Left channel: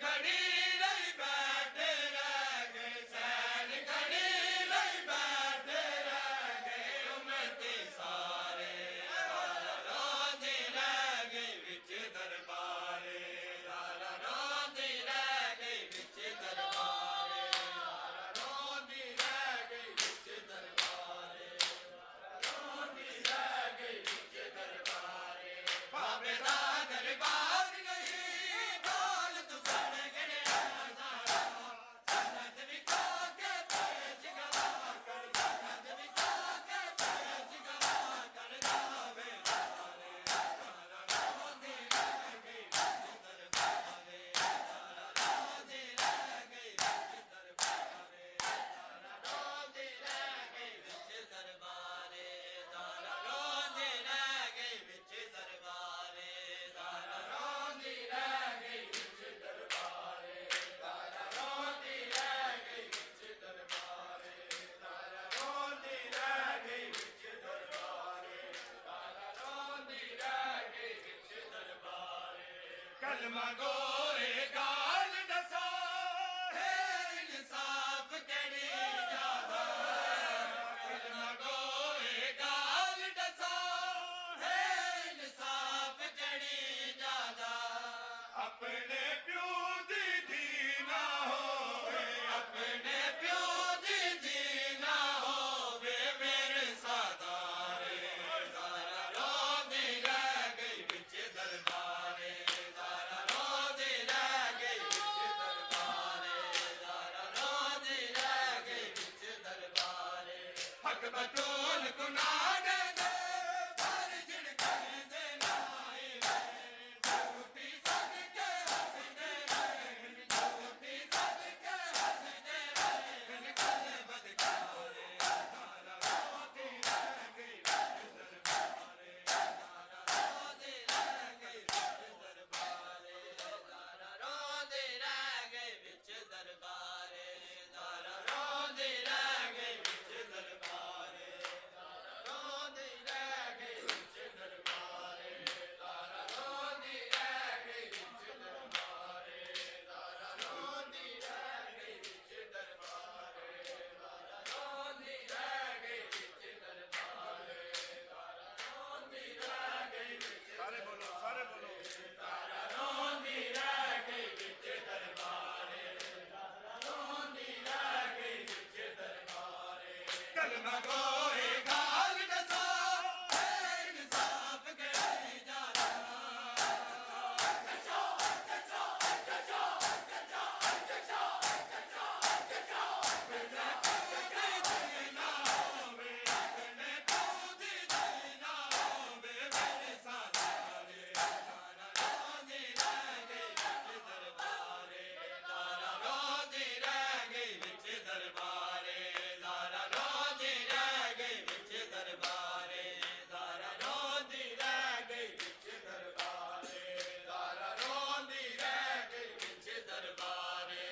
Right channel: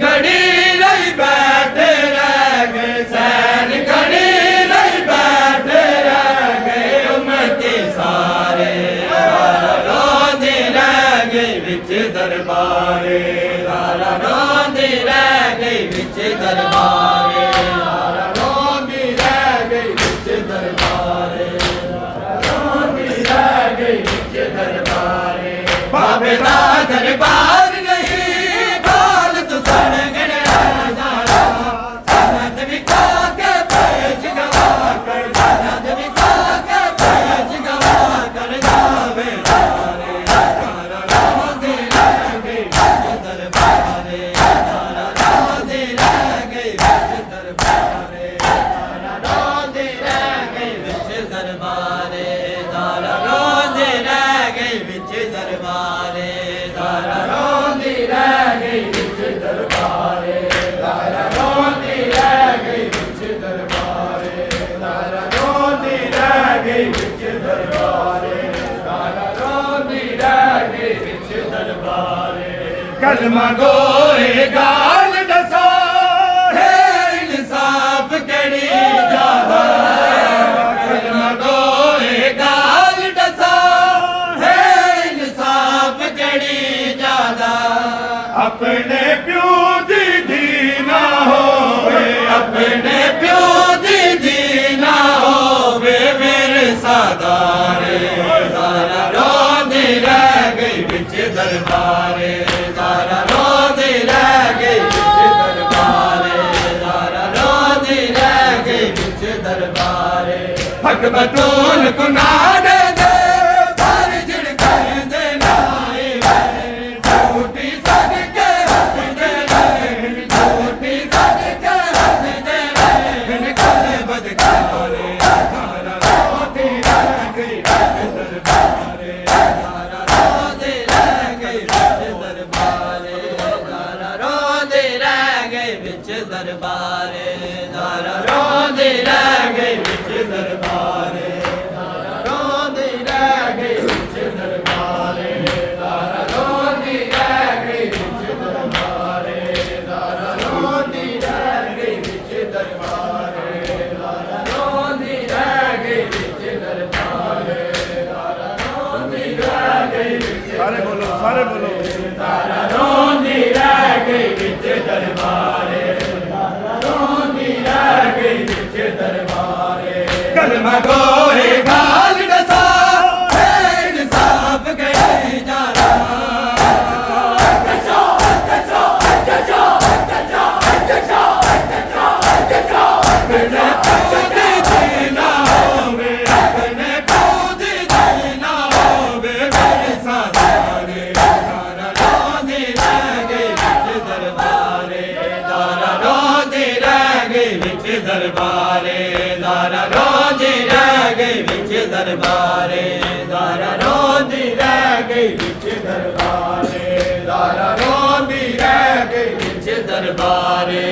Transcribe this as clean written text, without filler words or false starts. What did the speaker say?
घड़ी नहीं बैठे रह गए, सैन घड़ी नहीं बैठे रह गए, उम्मती सारे रोंदे रह गए विच दरबारे, रोंदे रह गए विच दरबारे, रोंदी रह गई विच दरबारे, रोंदी रह गई विच दरबारे। बाबे दा दरबार नहीं गाल तू सुन गणा जाना, सनद विखा के पेश गवा कर, सनद विखा के पेश गवा कर जावे तारे, रोंदे रह गई विच दरबारे, रोंदे रह गई विच दरबारे, रोंदे रह गई विच दरबारे, रोंदे रह गई विच दरबारे, रोंदी रह गई विच दरबारे, रोंदी रह गई विच दरबारे, रोंदी रह गई विच दरबारे, रोंदी रह गई विच दरबारे। कलमा गोए गाल दसा है इंसाफ कड़ी जादा, कलमा गोए गाल दसा है इंसाफ कड़ी जादा, अपने प्यो दी धी ना होवे, अपने प्यो दी धी ना होवे मेरे सादारे, रोंदे रह गई विच दरबारे, रोंदे रह गई विच दरबारे, रोंदे रह गई विच दरबारे। हक बतूल कुनाड दे पर झिड़कण दे नाए वे, झूठी सदके हसदे रहे, झूठी सदके हसदे रहे, कल बदकारे, रोंदी रह गई विच दरबारे, रोंदे रह गई विच दरबारे, रोंदे रह गई विच दरबारे, रोंदे रह गई विच दरबारे, रोंदी रह गई विच दरबारे, रोंदी रह गई विच दरबारे, रोंदी रह गई विच दरबारे, रोंदी रह गई विच दरबारे, रोंदी रह गई विच सारे बोलो, सारे बोलो। रोंदी रह गई विच दरबारे, रोंदी रह गई विच दरबारे। कलमा गोए गाल दसा है इंसाफ कड़ी जाना, अपने पूरी जीना होवे, अपने पूरी जीना होवे मेरे सादारे, रोंदी रह गई विच दरबारे, रोंदी रह गई विच दरबारे, रोंदी रह गई विच दरबारे, रोंदी रह गई विच दरबारे, रोंदी रह गई विच दरबारे,